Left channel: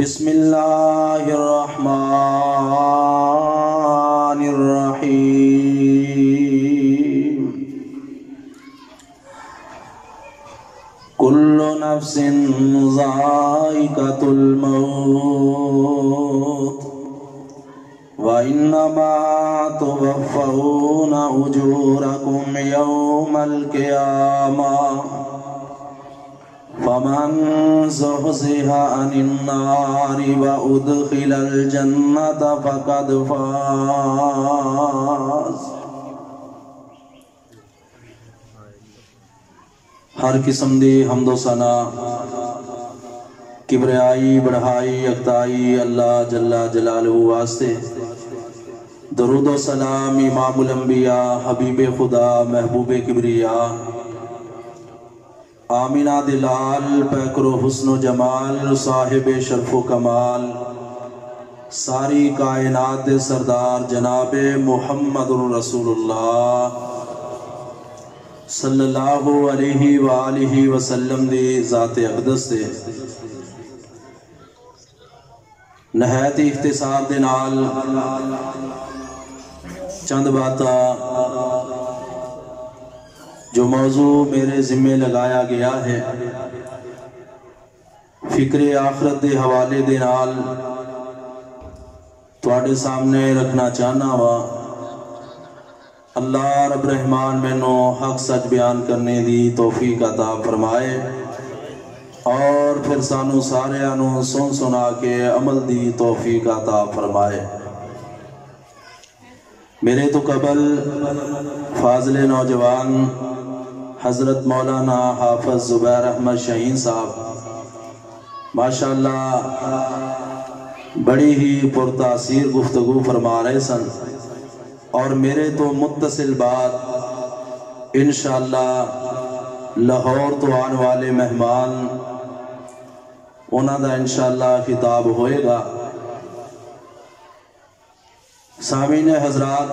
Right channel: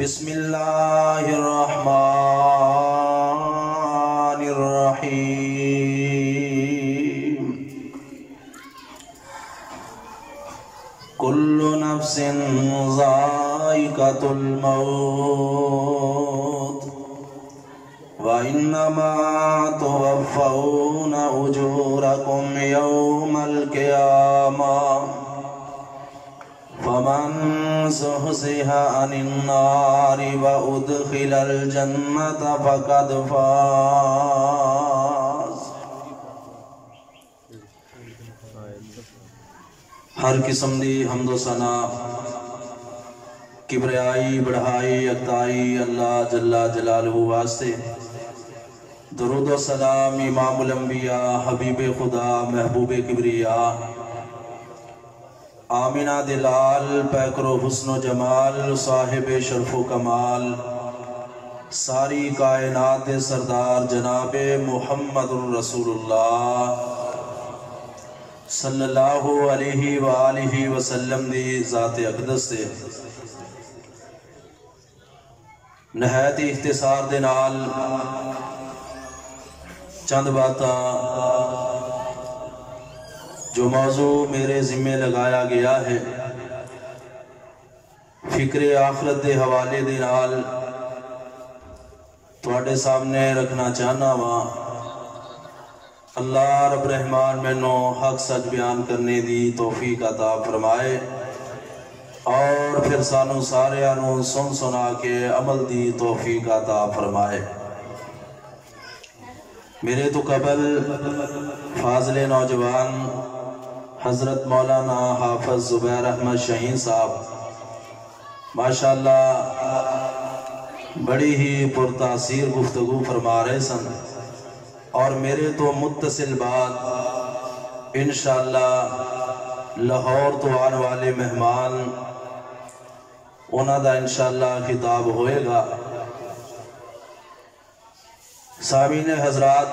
بسم اللہ الرحمن الرحیم کل نفس ذائقۃ الموت وَإِنَّمَا تُوَفَّوْنَ أُجُورَكُمْ يَوْمَ الْقِيَامَةِ فَمَنْ زُحْزِحَ عَنِ النَّارِ وَأُدْخِلَ الْجَنَّةَ فَقَدْ فَازَ۔ ہر قسم دی حمد و ثنا کبریائی بڑھائی اکتائی اللہ جل جلالہ واسطے، درود و سلام امام الانبیاء حبیب خدا محبوب کبریاء آمینہ دلال پیکر و حسن و جمال صاحب شرف و کمال ساری کائنات دے سردار جناب محمد رسول اللہ صلی اللہ علیہ وآلہ وسلم دی ذات اقدس دے نہایت اختصار دے نال چند باتاں جو موضوع میرے ذمہ لگایا گیا ہے فکر آخرت دے حوالے دے نال تواڈے سامنے رکھنا چاہنا وا۔ اللہ رب رحمان مینوں حق سچ بیان کرنے دی توفیق عطا فرمائے اور پھر سانو سارے انو سن سنا کے عمل دی توفیق عطا فرمائے۔ میرے تو قبل فاضل نوجوان حضرت مولانا حافظ زبیر احمد شاہین صاحب ماشاءاللہ بڑی ہی پرتاثیر گفتگو فرما رہے سن، اور میرے تو متصل بات انشاءاللہ لاہور تو آنے والے مہمان انہاں دا انشاءاللہ خطاب ہوئے گا۔ سامعین حضرات،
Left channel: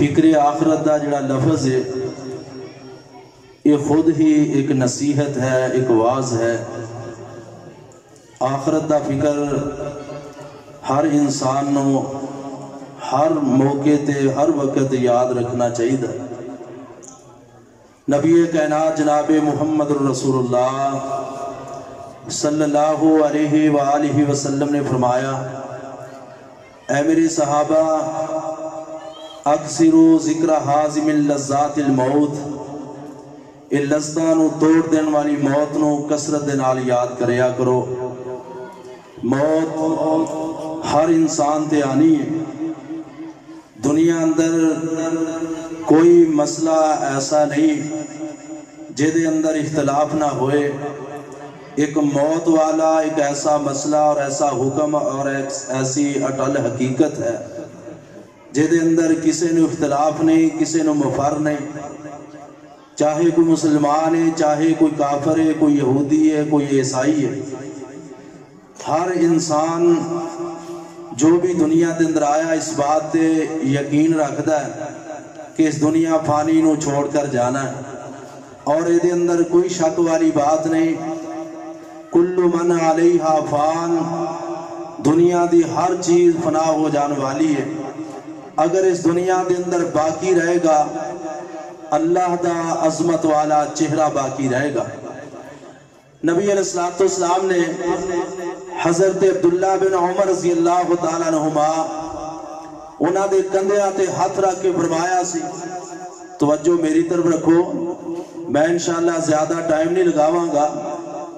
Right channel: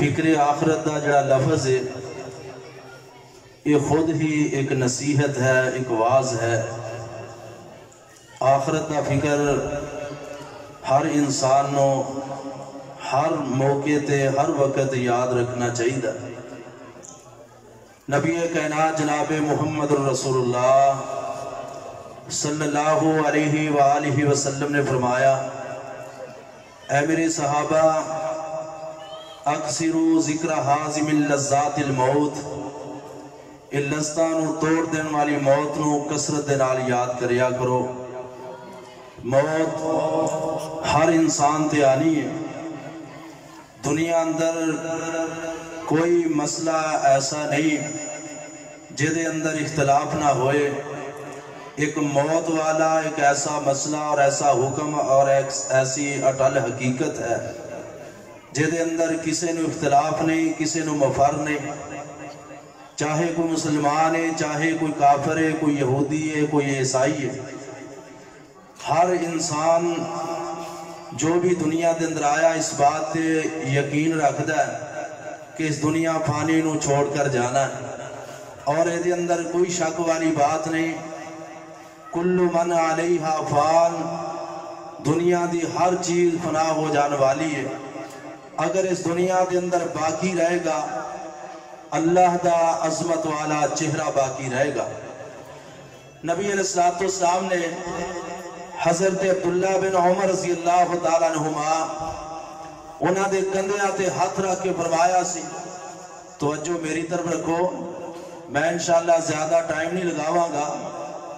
فکر آخرت دا جڑا لفظ ہے یہ خود ہی ایک نصیحت ہے، ایک واز ہے۔ آخرت دا فکر ہر انسان نو ہر موقع تے ہر وقت یاد رکھنا چاہیے۔ نبی کائنات جناب محمد رسول اللہ صلی اللہ علیہ وآلہ وسلم نے فرمایا، اے میرے صحابہ اکثروا ذکر حازم اللذات الموت، لذتاں توڑ دین والی موت نو کثرت دے نال یاد کریا کرو۔ موت ہر انسان تے آنی ہے۔ دنیا اندر کوئی مسئلہ ایسا نہیں جدے اندر اختلاف نہ ہوئے۔ ایک موت والا ایک ایسا مسئلہ اور ایسا حکم اور ایسی اٹل حقیقت ہے جدے اندر کسی نو اختلاف نہیں، کسی نو مفر نہیں، چاہے کوئی مسلمان ہے، چاہے کوئی کافر ہے، کوئی یہودی ہے، کوئی عیسائی ہے۔ ہر انسان جو بھی دنیا دے اندر آیا اس بات تے یقین رکھدا ہے کہ اس دنیا فانی نو چھوڑ کر جانا ہے، اور یہ دے اندر کوئی شک والی بات نہیں۔ کل من علیہا فان، دنیا دی ہر چیز فنا ہو جانے والی ہے۔ اگر اس دنیا دے اندر باقی رہے گا اللہ دا عظمت والا چہرہ باقی رہے گا۔ نبی علیہ السلام نے حضرت عبداللہ بن عمر رضی اللہ تعالیٰ عنہما انہاں دے کندھیاں تے ہاتھ رکھ کے فرمایا سی، توجہ میری طرف رکھو، میں انشاءاللہ زیادہ ٹائم نہیں لگاواں گا،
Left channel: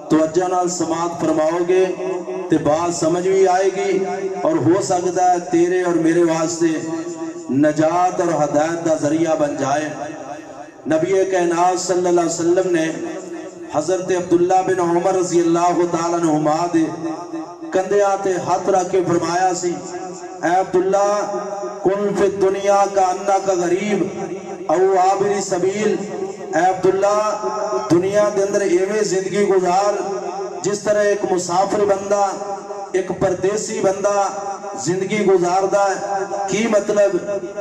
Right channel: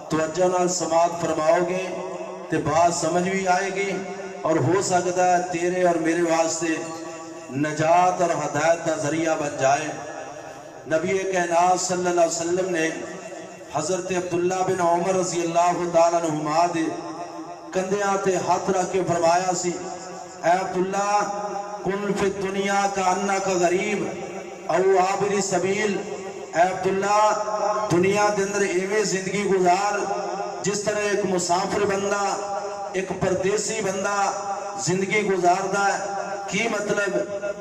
توجہ نال سماعت فرماؤ گے تے بات سمجھ بھی آئے گی، اور ہو سکتا ہے تیرے اور میرے واسطے نجات اور ہدایت دا ذریعہ بن جائے۔ نبی کائنات صلی اللہ علیہ وسلم نے حضرت عبداللہ بن عمر رضی اللہ تعالیٰ عنہما دے کندھیاں تے ہاتھ رکھ کے فرمایا سی، اے عبداللہ کن فی الدنیا کا انکا غریب او عابر سبیل، اے عبداللہ دنیا دے اندر ایویں زندگی گزار جس طرح ایک مسافر بندہ، ایک پردیسی بندہ زندگی گزاردا ہے۔ کی مطلب؟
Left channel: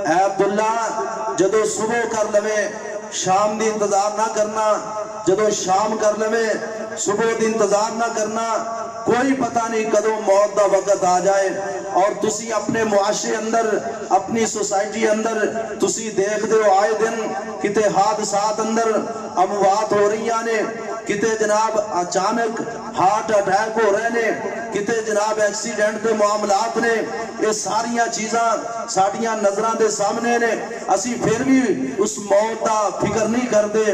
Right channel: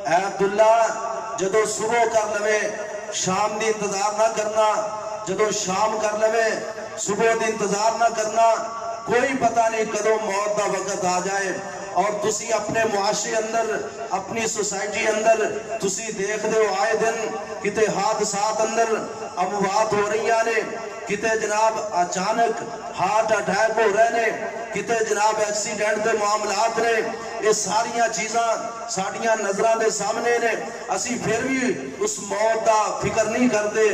اے عبداللہ جدو صبح کر لوے شام دی انتظار نہ کرنا، جدو شام کر لوے صبح دن انتظار نہ کرنا، کوئی پتہ نہیں کدوں موت دا وقت آ جائے۔ اور تسی اپنے معاشرے اندر، اپنی سوسائٹی اندر تسی دیکھ دے ہو آئے دن کتے حادثات اندر اموات ہو رہی ہیں، کتے جناب اچانک ہارٹ اٹیک ہو رہے نے، کتے جناب ایکسیڈنٹ دے معاملات نے، یہ ساریاں چیزاں ساڑیاں نظران دے سامنے نے، اسی پھر بھی اس موت دا فکر نہیں کردے،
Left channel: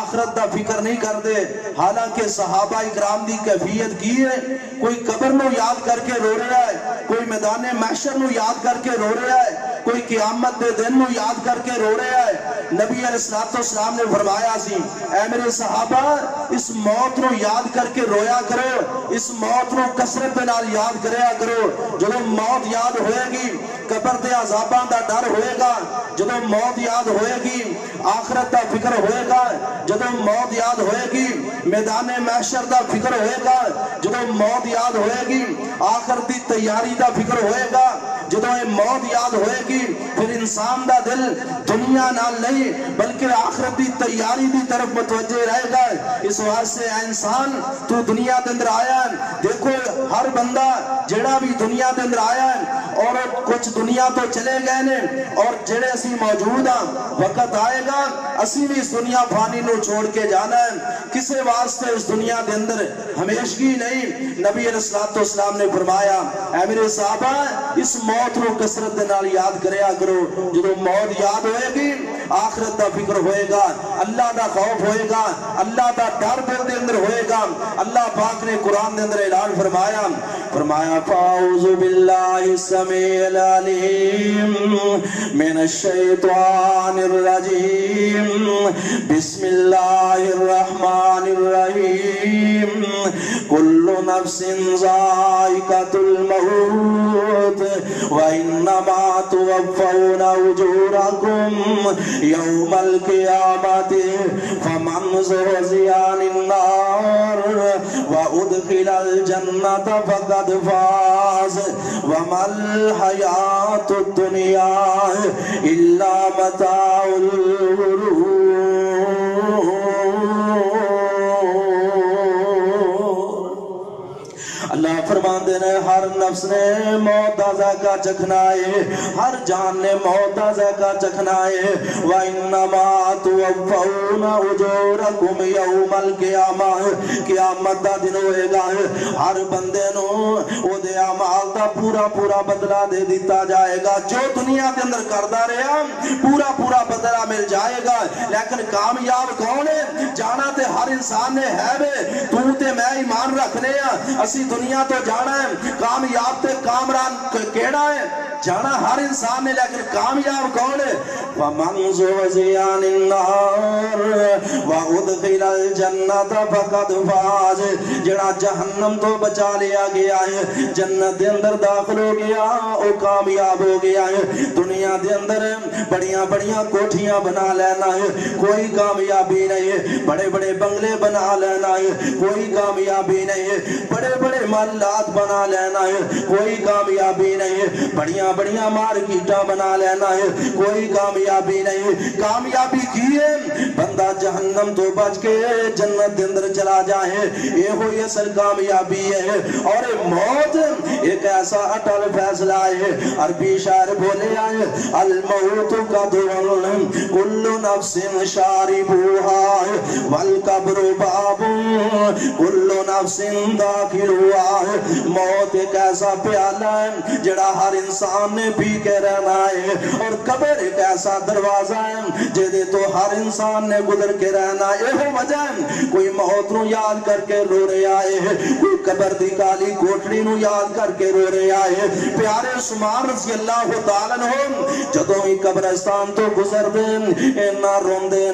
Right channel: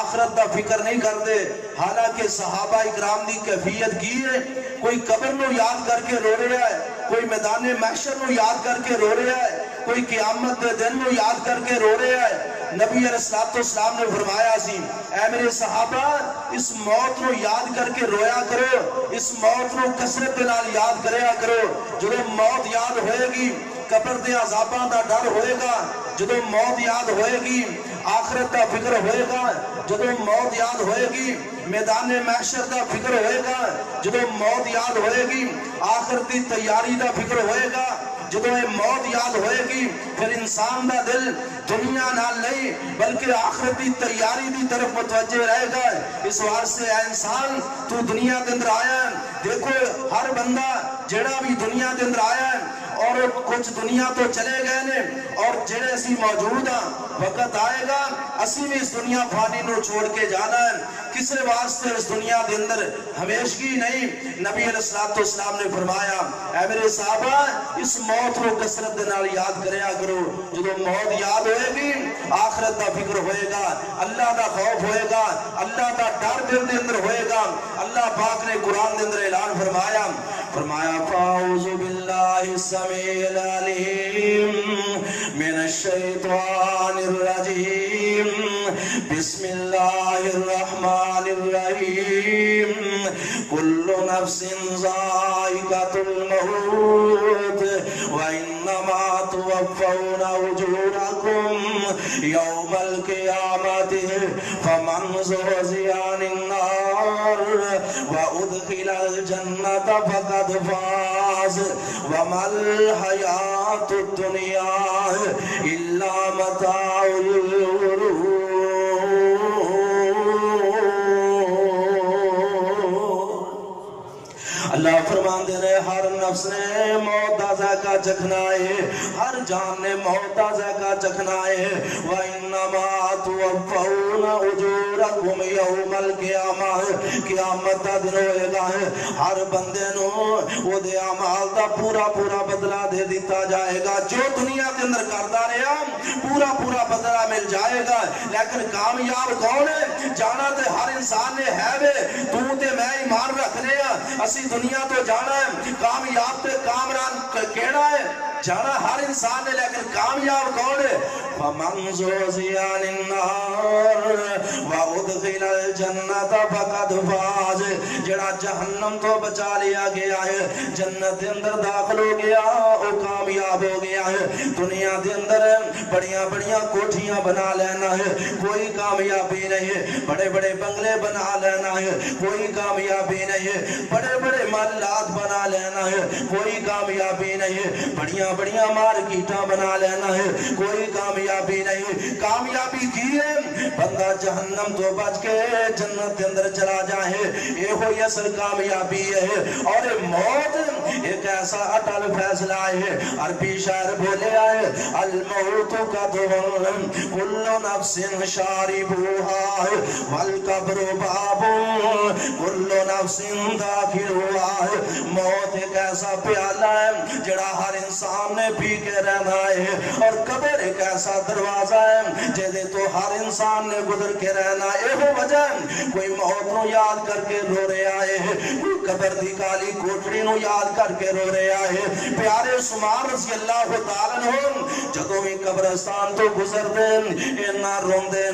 آخرت دا فکر نہیں کردے۔ حالانکہ صحابہ اکرام دی کیفیت کی ہے، کوئی قبر نو یاد کر کے رو رہا ہے، کوئی میدان محشر نو یاد کر کے رو رہا ہے، کوئی قیامت دے دن نو یاد کر کے رو رہا ہے۔ نبی علیہ السلام نے فرمایا سی، اے میرے صحابہ اس موت نو یاد کر کے رویا کرو، اس موت نو کثرت نال یاد کریا کرو۔ جدو موت یاد ہوئے گی قبر دے عذاباں دا ڈر ہوئے گا، جدو موت یاد ہوئے گی آخرت دا فکر ہوئے گا، جدو موت یاد ہوئے گی میدان محشر دا فکر ہوئے گا، جدو موت یاد ہوئے گی آخرت دی تیاری دا فکر ہوئے گا، جدو یہ موت یاد ہوئے گی پھر انسان دا دل دنیا نال نہیں بلکہ آخرت دی تیاری دی طرف متوجہ رہے گا۔ اس واسطے اے انسان تو دنیا دے اندر آیا ہے، دیکھو ہر بندہ جڑا بھی دنیا دے اندر آیا ہے اور کچھ دنیا تو چلے گئے نے، اور جڑے اسی موجود ہیں وقت آئے گا اسی بھی اس دنیا فانی نو چھوڑ کے جانا ہے، کسے واسطے اس دنیا دے اندر ہمیشگی نہیں۔ نبی علیہ السلام نے فرمایا، اے میرے صحابہ اس موت نو کثرت دے نال یاد کریا کرو۔ جدو موت یاد ہوئے گی آخرت دا فکر ہوئے گا، اللہ دا خوف ہوئے گا، اللہ دا ڈر دل دے اندر ہوئے گا۔ اللہ پاک نے قرآن دے اندر اعلان فرمایا، فَأَعُوذُ بِاللَّهِ السَّمِيعِ الْعَلِيمِ مِنَ الشَّيْطَانِ الرَّجِيمِ بِسْمِ اللَّهِ الرَّحْمَنِ الرَّحِيمِ كُلُّ نَفْسٍ ذَائِقَةُ الْمَوْتِ وَإِنَّمَا تُوَفَّوْنَ أُجُورَكُمْ يَوْمَ الْقِيَامَةِ فَمَنْ زُحْزِحَ عَنِ النَّارِ وَأُدْخِلَ الْجَنَّةَ فَقَدْ فَازَ وَمَا الْحَيَاةُ الدُّنْيَا إِلَّا مَتَاعُ الْغُرُورِ۔ اللہ فرمان دے رہے ہر نفس نے موت دا ذائقہ چکھنا ہے، ہر جان نے موت دا ذائقہ چکھنا ہے۔ وَإِنَّمَا تُوَفَّوْنَ أُجُورَكُمْ يَوْمَ الْقِيَامَةِ قیامت دا دن ہوئے گا، ہر بندے نو او دے اعمال دا پورا پورا بدلہ دے دیتا جائے گا۔ جو دنیا کے اندر کردا رہا پورا پورا بدلہ مل جائے گا، لیکن کامیاب کون ہے؟ جانا تے ہر انسان نے ہے بے، تو تے میں ایمان رکھنے ہیں، اسی دنیا تو جانا ہے، کامیاب تے کامران کیڑا ہے؟ جانا ہر انسان نے، لیکن کامیاب کون ہے؟ فَمَنْ زُحْزِحَ عَنِ النَّارِ وَأُدْخِلَ الْجَنَّةَ فَقَدْ فَازَ جڑا جہنم تو بچا لیا گیا ہے، جنت دے اندر داخل ہو گیا، وہ کامیاب ہو گیا ہے۔ دنیا دے اندر بڑیاں بڑیاں کوٹھیاں بنا لینا ہے، کوئی کامیابی نہیں ہے، بڑے بڑے بنگلے بنا لینا ہے، کوئی کامیابی نہیں ہے، بڑے بڑے محلات بنا لینا ہے، کوئی کامیابی نہیں ہے، بڑیاں بڑیاں مارکیٹاں بنا لینا ہے، کوئی کامیابی نہیں ہے۔ کامیابی کی ہے بندہ جہنم تو بچ کے جنت دے اندر چلا جائے، یہ ہوئی اصل کامیابی ہے۔ اور موت ایک ایسا اٹل فیصلہ ہے، عربی شاعر بولے آئے، الموت قدر کل نفس شاربوها والقبر باب کل نفس داخل ہوا ہے۔ موت ایک ایسا پیالہ ہے جڑا ہر انسان نے پی کے رہنا ہے، اور قبر ایک ایسا دروازہ ہے جدے تو ہر انسان نے گزر کے رہنا ہے۔ یہ وجہ کوئی موت نو یاد کر کے رو رہے آئے، کوئی قبر دی کالی کوٹڑی نو یاد کر کے رو رہے آئے۔ پیارے عثمان رضی اللہ تعالیٰ عنہ جدوں ہی قبرستان تو گزر دے نہ روندے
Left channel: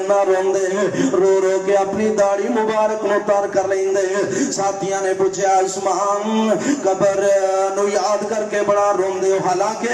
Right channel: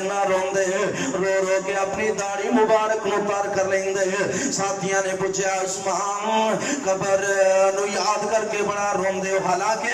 رو رو کے اپنی داڑھی مبارک نو تار کر لیں دے۔ ساتھیاں نے پوچھا عثمان قبر نو یاد کر کے بڑا روندے، حالانکہ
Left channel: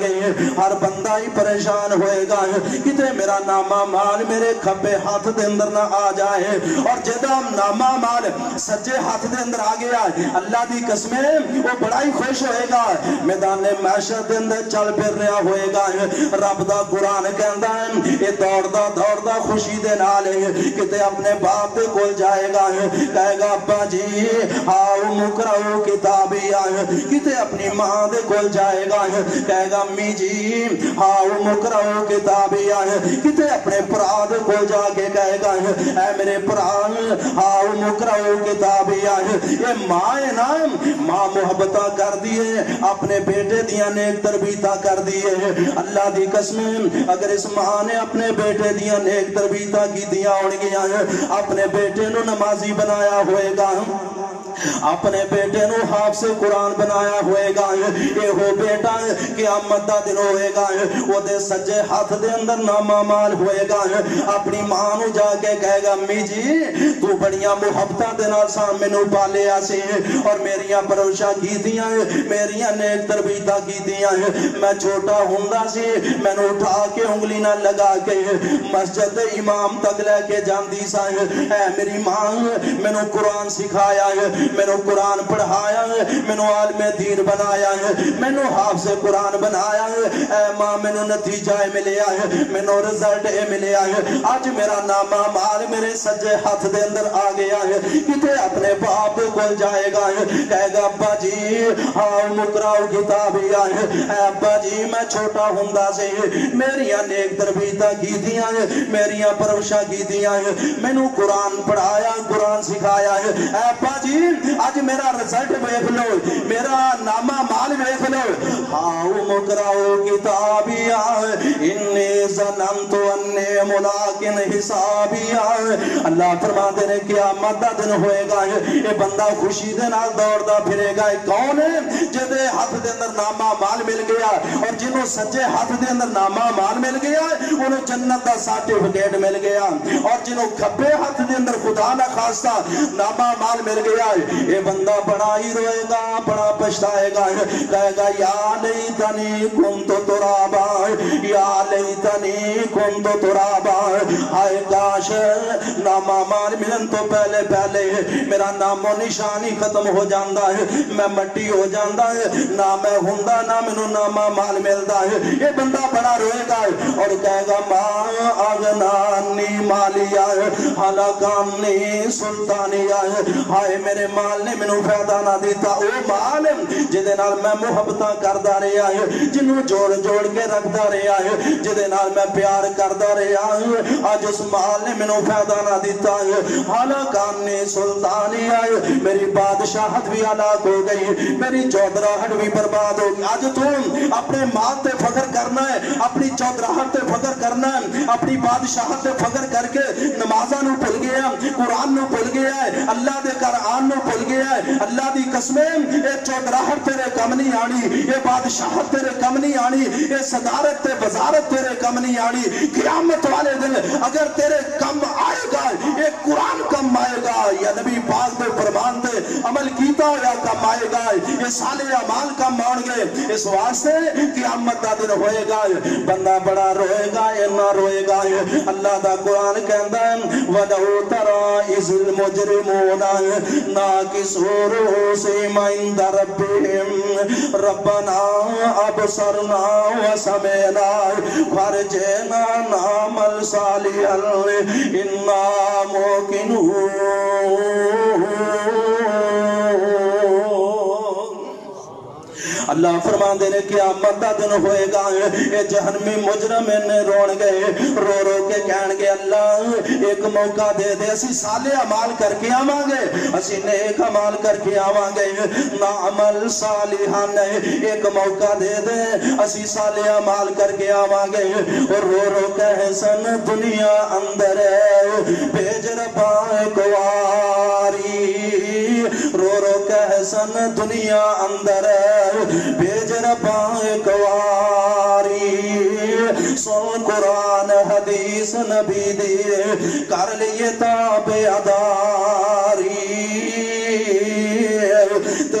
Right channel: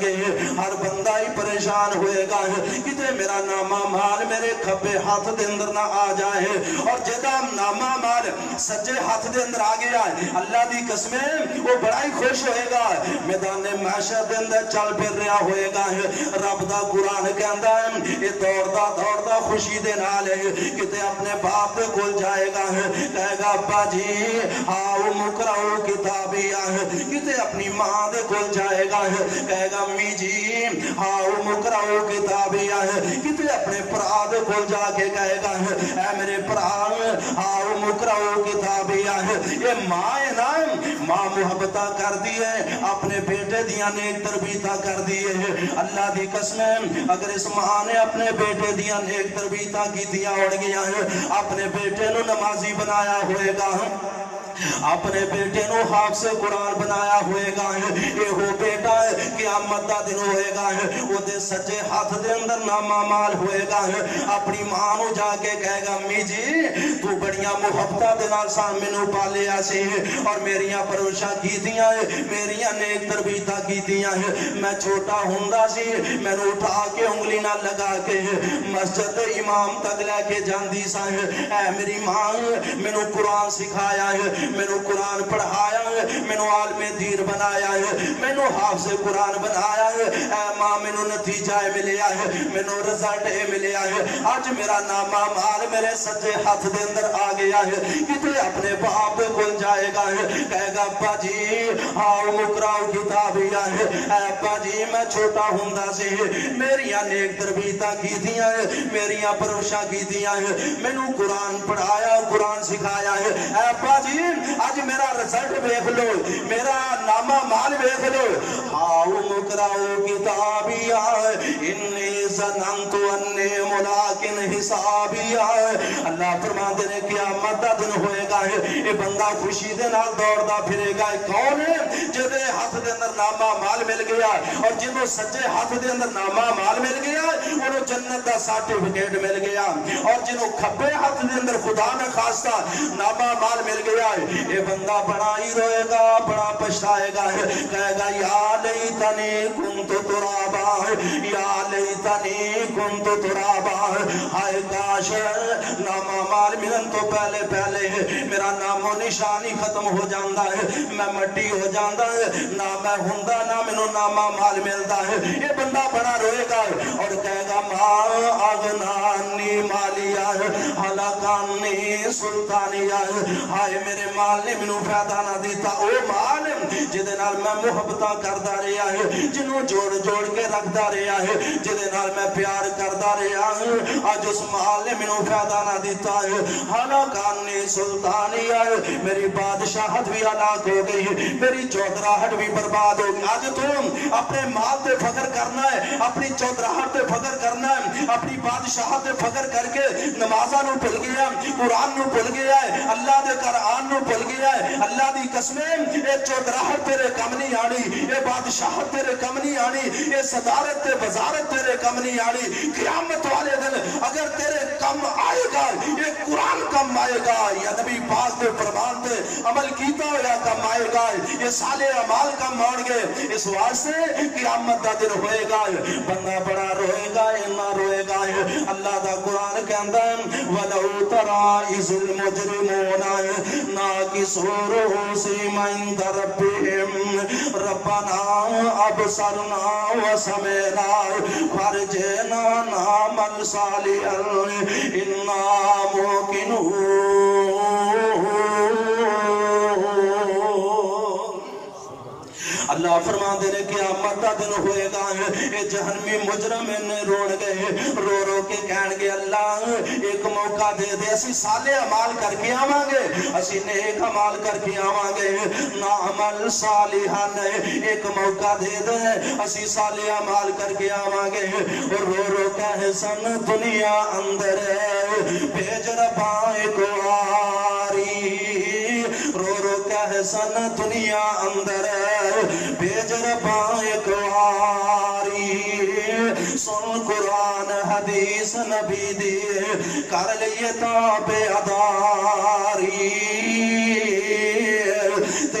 گے ہر بندہ ہی پریشان ہوئے گا کتے میرا نامہ مال میرے کھبے ہاتھ دے اندر نہ آ جائے اور جدا نامہ مال سجے ہاتھ دے اندر آ گیا اللہ دی قسمیں وہ بڑا ہی خوش ہوئے گا میدان معاشر دے اندر چل پھر رہا ہوئے گا رب دا قرآن کہندا ہے یہ دوڑدا خوشی دے نال کتے اپنے باپ دے کول جائے گا کہے گا ابا جی آؤ مقرؤ کتابی کتے اپنی ماں دے کول جائے گا کہے گا امی جی آؤ مقرؤ کتابی کتے اپنے بھرا دے کول جا کے کہے گا اے میرے بھرا آؤ مقرؤ کتابی یہ ماں ہے نا ماں محبتہ کر دیے اپنے بیٹے دیاں نیک تربیتہ کر دیے اللہ دی قسمیں اگر اس ماں نے اپنے بیٹے دیاں نیک تربیتہ کی دیا ہون گیا اپنے بیٹے نو نمازی بنایا ہوئے گا اپنے بیٹے نو حافظ قرآن بنایا ہوئے گا یہ ہو بیٹا قیامت دا دن ہوئے گا وہ دے سجے ہاتھ دے اندر نامہ مال ہوئے گا اپنی ماں نو جا کے کہے گا امی جی تو بڑیاں محبتہ دے نال سان مینوں پالیا سی اور میریاں پروشاں کیتیاں میریاں نیک تربیتاں کیتیاں میں چھوٹا ہوندا سی مینوں اٹھا کے انگلی نال لگا کے مسجد امام تک لے کے جاندی سا اے میری ماں مینوں قرآن سکھایا ہے مینوں قرآن پڑھایا ہے مینوں عالم دین بنایا ہے مینوں حافظ قرآن بنایا ہے اے ماں مینوں نتیجہ ملیا ہے مینوں رزلٹ ملیا ہے آج میرا نامہ مال میرے سجے ہاتھ دے اندر آ گیا ہے کتے اپنے باپ کول جائے گا کہے گا ابا جی آؤ مقرؤ کتابی اے ابا جی میں چھوٹا ہوندا سی میریاں نیک تربیتاں کیتیاں میریاں پروشاں کیتیاں مینوں قرآن پڑھایا قرآن سکھایا ہے اے ابا جی آج میرا رزلٹ دیکھ لو میرا نامہ مال دیکھ لو آؤ مقرؤ کتابی انی ظننت انی ملاق حسابی اللہ فرماتے ہیں قیامت دا دن ہوئے گا یہ بندہ خوشی دے نال دوڑدا پھرے گا کون ہے جدے ہاتھ دے اندر نامہ مال مل گیا اور جنوں سجے ہاتھ دے اندر نامہ مال مل گیا انہوں جنت دا سرٹیفکیٹ مل گیا اور جنوں کھبے ہاتھ دے اندر خدا نہ خواستہ نامہ مال مل گیا یہ بندہ بڑا ہی روئے گا بڑا پچھتائے گا کہے گا یا لیتنی کنت ترابا یا لیتنی کنت ترابا ہائے کاش نامہ مال ملن تو پہلے میرا نام و نشانی ختم ہو جاندہ ہے میں مٹی ہو جاندہ ہے نہ میں ہوندا نہ مینوں نامہ مال ملدا ہے یہ بندہ بڑا روئے گا اور کہے گا ماں اغنانی مالیا ہلاکانی سلطانیا ہائے میرے مال نے مینوں فائدہ نہ دیتا او مال جدے نال میں محبتاں کردا رہیا ہے جنوں جوڑ کے رکھدا رہیا ہے جدے نال میں پیار کردا رہیا ہوں اج اس مال نے مینوں فائدہ نہ دیتا ہے ہلاکانی سلطانیا میری بادشاہت بھی ہلاک ہو گئی میری چودراہٹ بھی برباد ہو گئی آج تم اپنے مال تے فخر کرنا ہے اپنی چودراہٹ تے فخر کرنا ہے اپنی بادشاہت تے فخر کر کے نمازاں نو بھول گیا قرآن نو بھول گیا ہے اللہ دے قرآن نو بھول گیا ہے اللہ دی قسمیں یہ چودراہٹ تیرے کم نہیں آنی یہ بادشاہت تیرے کم نہیں آنی یہ صدارت تے وزارت تیرے کم نہیں آنی قیامت والے دن اگر تیرے کم آئے گا یہ قرآن کم آئے گا یا نبی پاک دے فرمان تے عمل کیتا یا کم آئے گا یہ صالح اعمال کم آن گے اس واسطے قیامت دا دن ہوئے گا بندہ بڑا روئے گا یا نہ روئے گا اللہ دا قرآن کہندا ہے وَلَوْ تَرَى إِذِ الْمُجْرِمُونَ نَاكِسُو رُءُوسِهِمْ عِندَ رَبِّهِمْ رَبَّنَا أَبْصَرْنَا وَسَمِعْنَا فَارْجِعْنَا نَعْمَلْ صَالِحًا إِنَّا مُوقِنُونَ اللہ فرمان دے نے قیامت دا دن ہوئے گا اے جہنمی مجرم نے رون گئے رو کے کہن گے اللہ ایک موقع دے دے اسی صالح عمال کر کے آواں گے اسی نیک عمال کر کے آواں گے نعمل صالحان ایک موقع دے دے اسی صالح عمال کر کے آواں گے اور رو کہے سن دنیا اندر بھیج ربا ایک واری رو کہے سن دنیا اندر بھیج ربا ایک واری سن قرآن حدیث نبی دی کر لیے تابع داری تے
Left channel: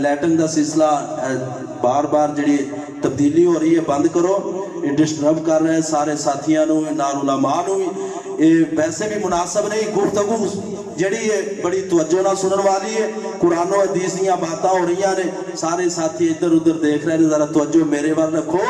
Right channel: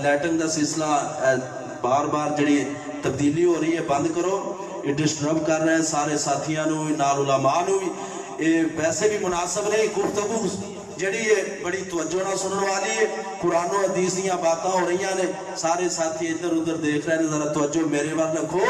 لائٹنگ دا سلسلہ بار بار جڑی تبدیلی ہو رہی ہے بند کرو، یہ ڈسٹرب کر رہے ہیں سارے ساتھیاں نو نال علماء نو، یہ ویسے بھی مناسب نہیں، گفتگو جڑی ہے بڑی توجہ نہ سنن والی ہے، قرآن و حدیث دیاں باتاں ہو رہی ہیں، سارے ساتھی ادھر ادھر دیکھ رہے ہیں، ذرا توجہ میرے وال رکھو۔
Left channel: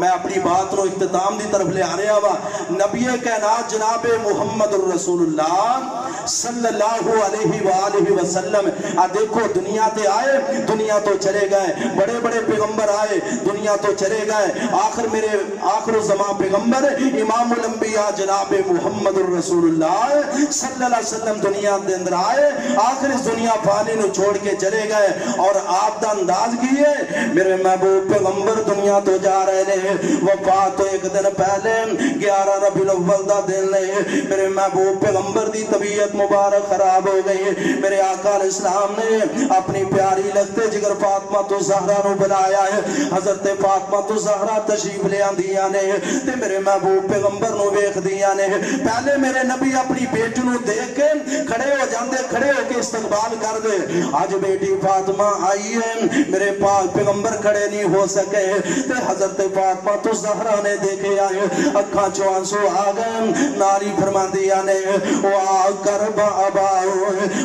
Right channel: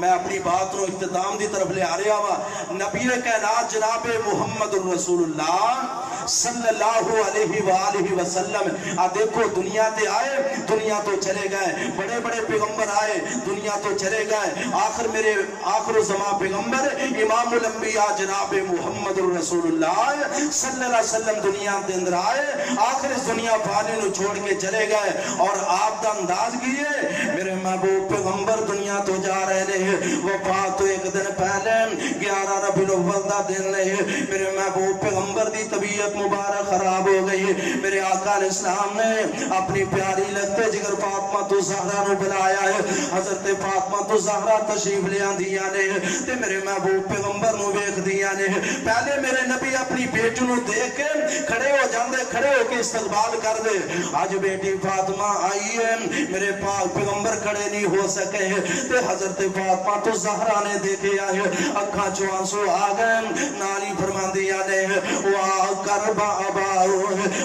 میں اپنی بات رو اختتام دی طرف لے آ رہا وا۔ نبی کائنات جناب محمد الرسول اللہ صلی اللہ علیہ وآلہ وسلم دیکھو دنیا تے آئے، دنیا تو چلے گئے، بڑے بڑے پیغمبر آئے، دنیا تو چلے گئے، آخر زمان پیغمبر امام الانبیاء جناب محمد الرسول اللہ صلی اللہ علیہ وسلم دنیا دے اندر آئے، آخر اس دنیا پھالی نو چھوڑ کے چلے گئے، اور آپ دا انداز کیے میرے محبوب پیغمبر دنیا تو جا رہے ہیں، وفات تو ایک دن پہلے 11 ربیع الاول دا دن لے، میرے محبوب پیغمبر دی طبیعت مبارک خراب ہو گئی، میرے آقا علیہ السلام نے اپنی پیاری لگتے جگر فاطمہ تو زہرہ نو بلایا ہے، حضرت فاطمہ تو زہرہ تشریف لے آندیا نے تے میرے محبوب پیغمبر نو ویکھ دیا نے، پہلے میرے نبی اپنی بیٹی نو دیکھ کے کھڑے ہو جاندے، کھڑے ہو کے استقبال کر دے، آج بیٹی فاطمہ آئی ہے، میرے پاک پیغمبر کھڑے نہیں ہو سکے تے حضرت فاطمہ تو زہرہ نے دیکھے آئے، اکھاں چوں آنسو آ گئے، ناری فرما دیا نے وا کربا اباؤ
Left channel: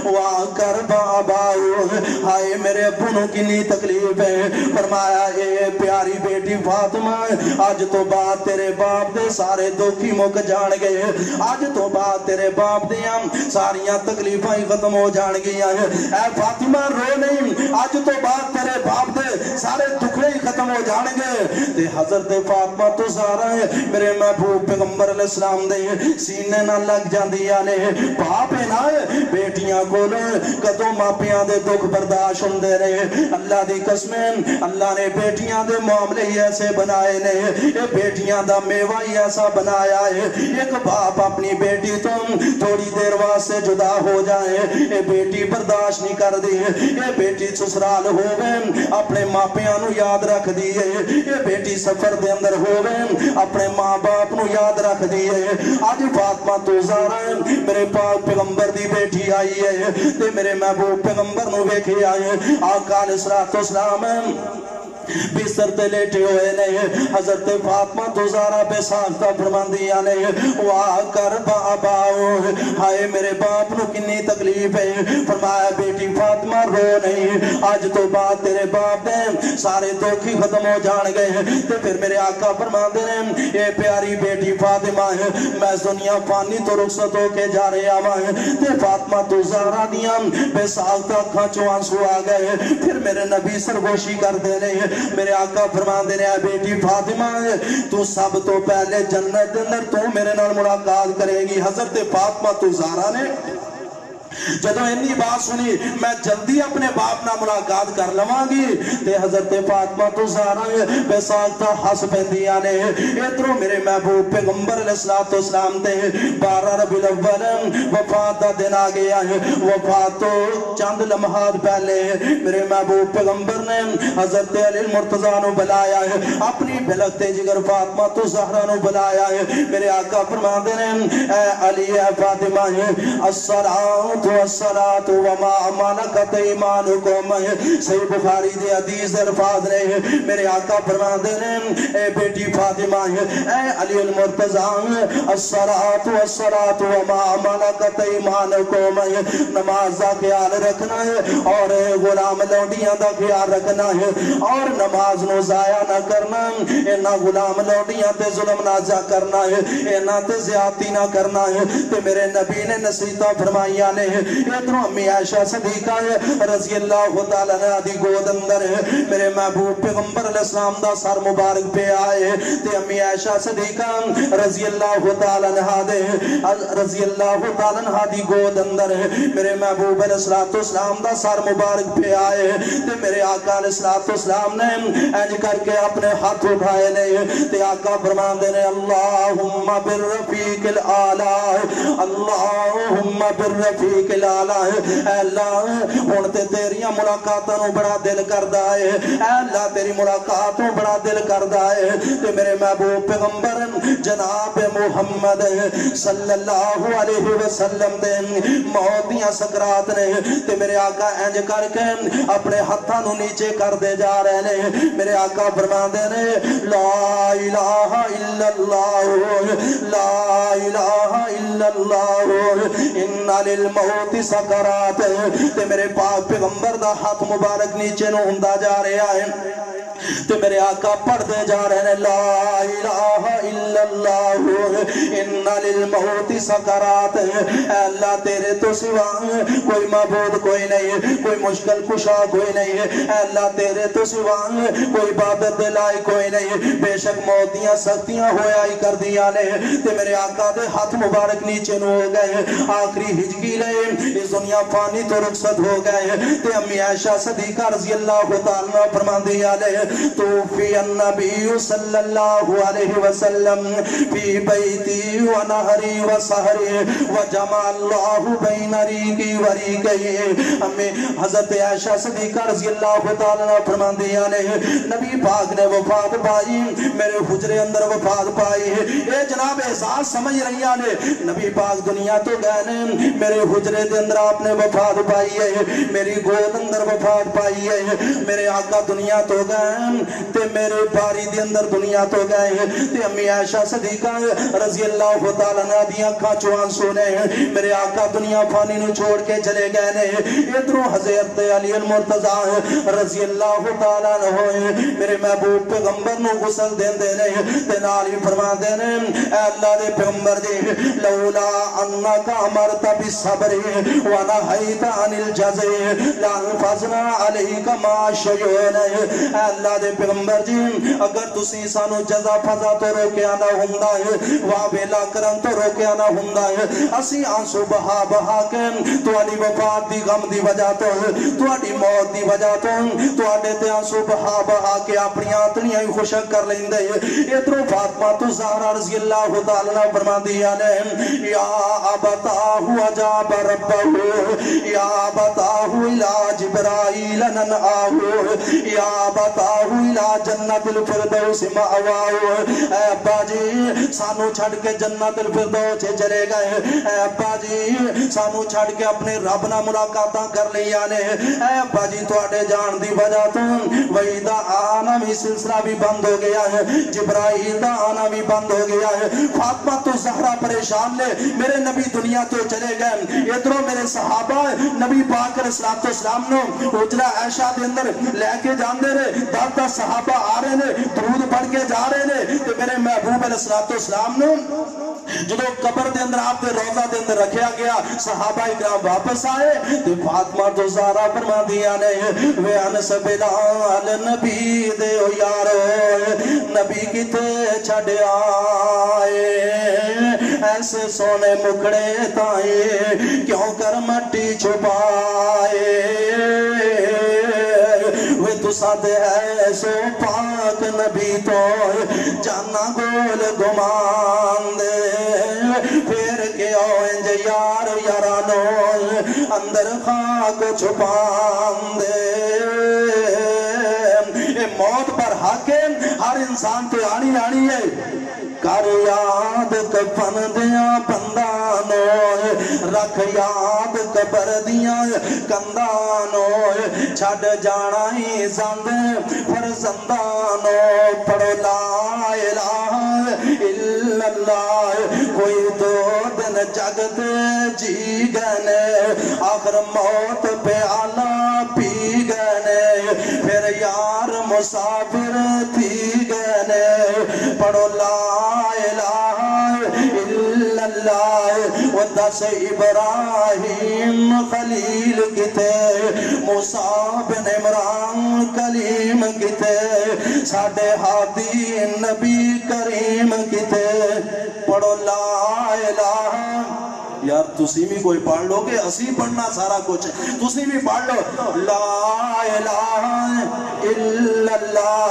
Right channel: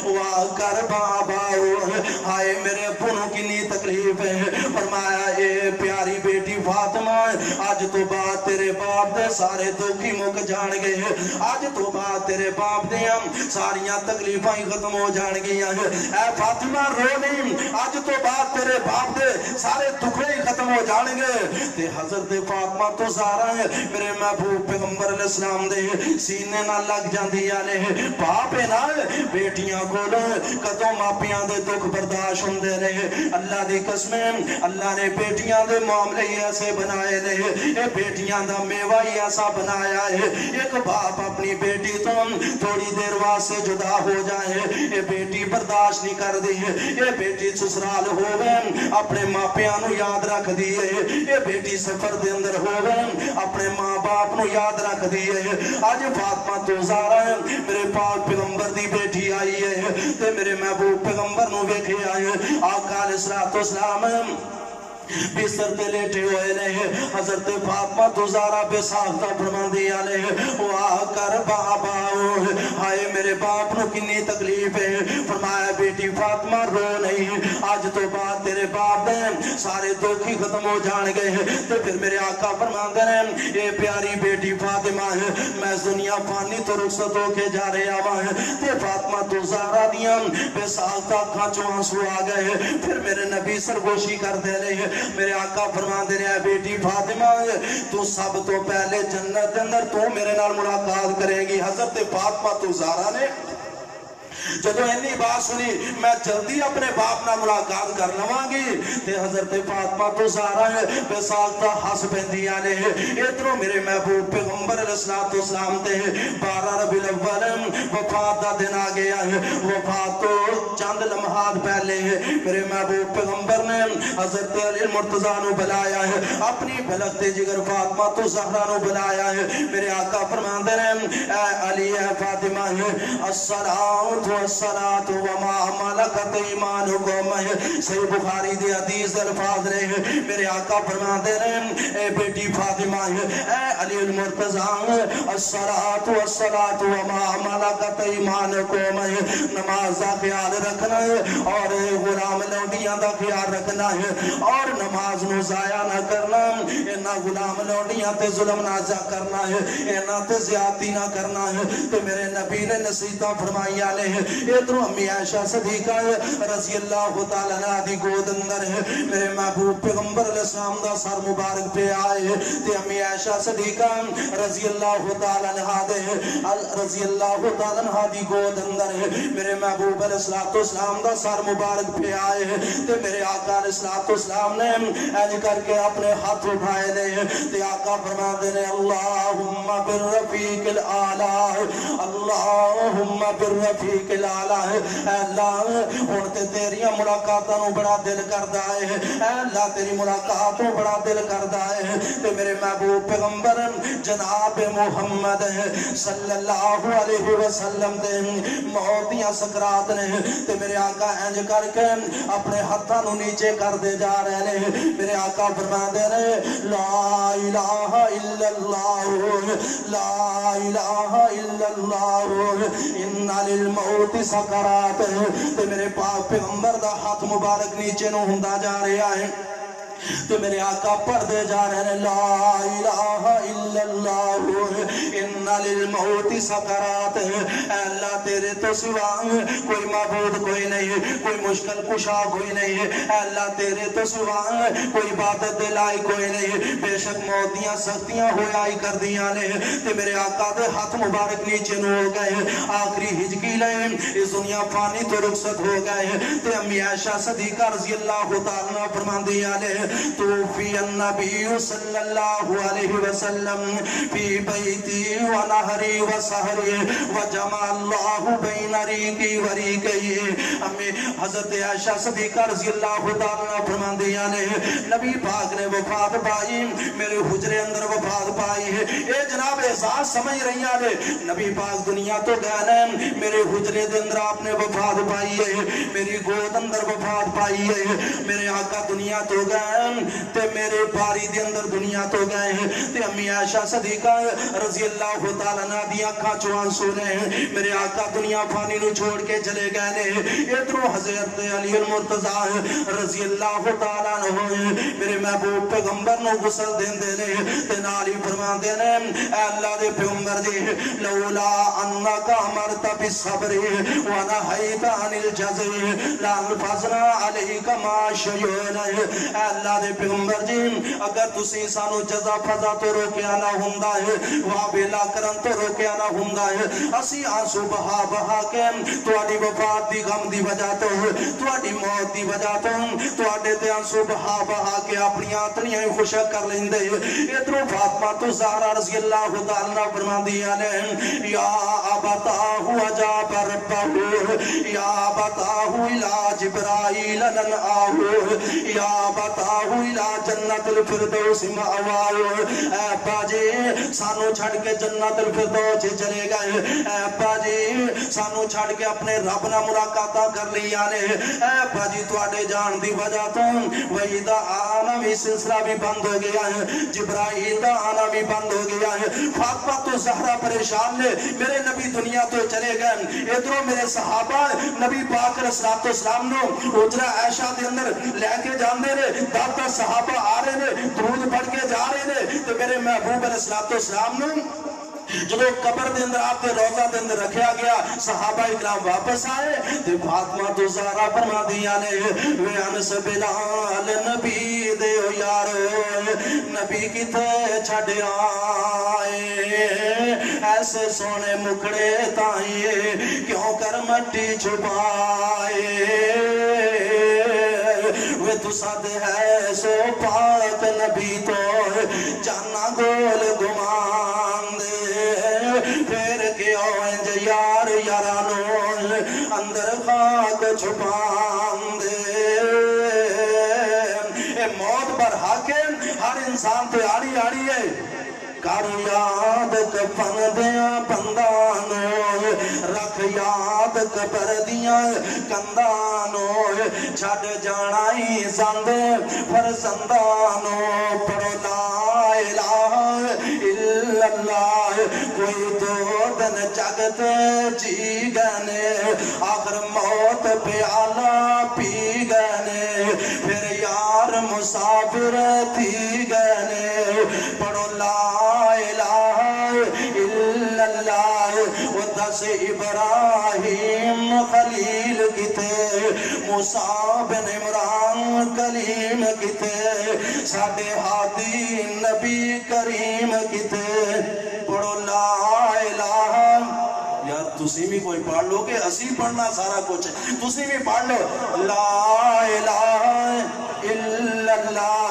وا کربا اباؤ، ہائے میرے ابنوں کنی تکلیف ہے، فرمایا اے پیاری بیٹی فاطمہ آج تو بعد تیرے باپ دے سارے دکھی مک جان گئے، آج تو بعد تیرے باپ دیاں ساریاں تکلیفاں ہی ختم ہو جان گیا ہے، اے فاطمہ رو نہیں، آج تو بعد تیرے باپ دے سارے دکھے ہی ختم ہو جان گے تے حضرت فاطمہ تو زہرا میرے محبوب پیغمبر علیہ السلام دے سینے نہ لگ جاندیاں نے، باپ نہ بیٹیاں کول کدوں ماپیاں دے دکھ برداشت ہوندے رہے، اللہ دی قسم اللہ نے بیٹیاں دے معاملے ہی ایسے بنائے نے، اے بیٹیاں دا میوہ ہی ایسا بنایا ہے، ایک باپ اپنی بیٹی تو تھوڑی دیر واسطے جدا ہو جائے، اے بیٹی برداشت نہیں کر دی، اے بیٹی سسرال ہوئے اپنے ماپیاں نو یاد رکھ دیئے، اے بیٹی سفر دے اندر ہوئے اپنے ماں باپ نو یاد رکھ دیئے، آج فاطمہ تو زہرا میرے پاک پیغمبر دی بیٹی آئی ہے تے میرے محبوب پیغمبر نو ویکھے آئے، آقا علیہ السلام بستر تے لیٹے ہوئے نے، حضرت فاطمہ تو زہرا بے ساختہ فرماندیا نے واہ کر باباؤ، ہائے میرے باپ نو کنی تکلیف ہے، فرمایا بیٹی فاطمہ رو نہیں، آج تو بعد تیرے باپ دے سارے دکھی ختم ہو جان گئے ہیں، تے پھر میرے آقا فرماندے نے اے پیاری بیٹی فاطمہ ہے، میں دنیا فانی تو رخصت ہو کے جا رہے آواں، تے فاطمہ تو زہرا دیاں بے ساختہ کھانچوں آنسو آ گئے، پھر میرے نبی سرگوشی کر دے رہے، میرے آقا فرمان دینے آئے بیٹی فاطمہ تو سب تو پہلے جنت اندر تو میرے نال ملاقات کرے گی، حضرت فاطمہ تو زہرا نے جدو انی بات سنی میں جلدی اپنے باپ نہ ملاقات کر لواں گی تے حضرت فاطمہ تو زہرا بے ساختہ ہس پیندیاں نے، ادھروں میرے محبوب پیغمبر علیہ السلام تے 12 ربیع الاول وفات دا دن آ گیا ہے، وفات تو چند لمحات پہلے ہے، میرے محبوب پیغمبر نے حضرت علی مرتضیٰ نو بلایا ہے، اپنی بلغتے جگر فاطمہ تو زہرا نو بلایا ہے، میرے آقا فرمان دے اے علی اے فاطمہ الصلاۃ والصلاۃ وما ملکت ایمانکم، صحیح بخاری دے حدیث الفاظ نے، میرے آقا فرماتے ہیں اے بیٹی فاطمہ اے علی المرتضیٰ الصلاۃ والصلاۃ وما ملکت ایمانکم، نماز دا خیال رکھنا ہے اور غلام لوڈیاں دا خیال رکھنا ہے اور نماز نو ضائع نہ کرنا، اینا غلام لوڈیاں تے ظلم نہ کرنا ہے، اینا تے زیادتی نہ کرنا ہے، تے میرے نبی نے نصیحتاں فرمائیاں نے، ادھروں امی عائشہ صدیقہ رضی اللہ تعالیٰ عنہ دی گود اندر ہے، میرے محبوب پیغمبر علیہ السلام دا سر مبارک پہ آئے تے امی عائشہ صدیقہ رضی اللہ تعالیٰ عنہ دے رضی اللہ تعالیٰ عنہ دی گود اندر ہے، میرے محبوب علیہ السلام دا سر مبارک پہ آئے تے میرے آقا علیہ السلام نے ایج کر کے اپنے ہاتھ اٹھائے لے تے آقا فرما دے نے اللہم بالرفیق الاعلی، اللہم بالرفیق الاعلی، اے اللہ ہن تے تیریاں ملاقاتاں نو بڑا دل کردا ہے، اے اللہ تیری ملاقات نو بڑا دل کردا ہے تے میرے محبوب پیغمبر جناب محمد صلی اللہ علیہ وسلم دے موت دیاں سکرات نے تے میرے آقا انج کر کے اپنے ہتھاں نو نیچے کر دے جا رہے نے میرے آقا فرماندے نے لا الہ الا اللہ لا الہ الا اللہ ان للموت سکرات تے میرے پاک پیغمبر دا ہاتھ مبارک نیچے نو ہوندا جا رہا ہے تو میرے آقا پڑھ دے جا رہے ہیں لا الہ الا اللہ ان للموت سکرات اے اللہ تیرے تو سوا کوئی معبود کوئی نہیں کوئی مشکل کشا کوئی نہیں اے اللہ تیرے تو سوا کوئی عبادت دلائی کوئی نہیں بے شک موت دیاں سختیاں ہویا ہی کر دیا لے تے میرے آقا دے ہاتھ مبارک نیچے نو ہو گئے آخری ہجکی لے اس دنیا فانی تو رخصت ہو گئے تے امی عائشہ صدیقہ رضی اللہ تعالیٰ فرمان دیا لے توفی النبی صلی اللہ علیہ وسلم فی بیتی و نہری و سہری و جمع اللہ بین ریقی و ریقی ہمیں حضرت عائشہ صدیقہ رضی اللہ تعالیٰ فرمان دیا نے نبی پاک نے وفات پائی میرے حجرے اندر وفات پائی اے جناب احساس سمجھ رہی آنے نبی پاک دنیا تو گئے میرے حجرے دے اندر آپ نے وفات پائی ہے میری گود اندر وفات پائی ہے میرے آقا دنیا تو گئے تے میرے باری دے اندر دنیا تو گئے ہیں تے امی عائشہ صدیقہ رضی اللہ تعالیٰ عنہ دی آنکھاں چوان سونے ہیں میرے آقا دنیا فانی نو چھوڑ کے چلے گئے نے ادھروں حضرت علی المرتضی رضی اللہ تعالیٰ عنہ میرے محبوب پیغمبر نو غسل دین دے نے تے نال ہی فرمان دے نے اے اللہ دے پیغمبر جی لولا انک امرت بالصبر ونہیت عن الجزع لانفذنا علیک ما شیئنا اے اللہ دے پیغمبر جی اگر تسی سانو جزا فضا تو روکیا نہ ہوندا ہے وابلا کرن تو روکیا نہ ہوندا ہے اسی آنسو بہا بہا کے تواڈی وفات دی غم دی وجہ تو تواڈی موت دی وجہ تو تواڈے تے آنسو بہا بہا کے اپنی آتنیاں ہی خشک کر لیندے ادھروں فاطمہ تو زہرا رضی اللہ تعالی عنہ فرماندیاں نے یا ابتاہ اجاب ربہ یا ابتاہ الی جبرائیل ننآہ یا ابتاہ الی جنت الفردوس مأواہ اے ابا جی سانو چھڑ کے جنت الفردوس چلے گئے اے ابا جی سانو چھڑ کے اپنے رب نہ ملاقاتاں کر لیا نے اے ابا جی تواڈے جان دی وجہ تو وہی دا آنا بھی سلسلہ بھی بند ہو گیا ہے جبرائیل دا آنا بھی بند ہو گیا ہے فاطمہ تو زہرا پریشان نے میرے نبی دنیا تو چلے گئے ادھروں میرے صحابہ نبی پاک علیہ السلام نو حجرہ عائشہ دے اندر لے کے جاندے نے دادا صحابہ آ رہے نے درود پڑھ کے جا رہے نے تو میرے محبوب علیہ السلام نو جدو قبر دے اندر آپ دے روزہ دے اندر رکھیا گیا صحابہ اکرام واپس آئے تے فاطمہ تو زہرا فرما دیا نے وے انس بلال نبی دے او یارو نبی کتے چھڈ آئے ایسے سونے مکڑے تائیں کیوں کر مٹی چھپائے وے تو ساتھ ہے سو پاک نبی تو جانا گول گمان دے پھر کے آئیں جے یار یارانو اندر خاک چھپان دے اے موت پر حاکم ہر انسان پہ آنی ہے کر یاد کفن دیا بندانو رکھ یاد قبر دیا کندانو چھڑ جانا ہی زند فرزندانو پڑھو لا الہ الا اللہ کوئی دو دن جگت جی گنے آخر موت پہ آلہ پی گنے پھر یار مسافر تھی گنے پڑھو لا ودس ابراہیم خلیل کتے موسیٰ بن عمران کلیم کتے ساڑھے ہادی نبی کریم کتے پڑھو لا الہ یار تسی بھی کوئی پڑھ لو کہ اسی پڑھنا سارا کچھ تسی بھی پڑھ لو لا الہ الا اللہ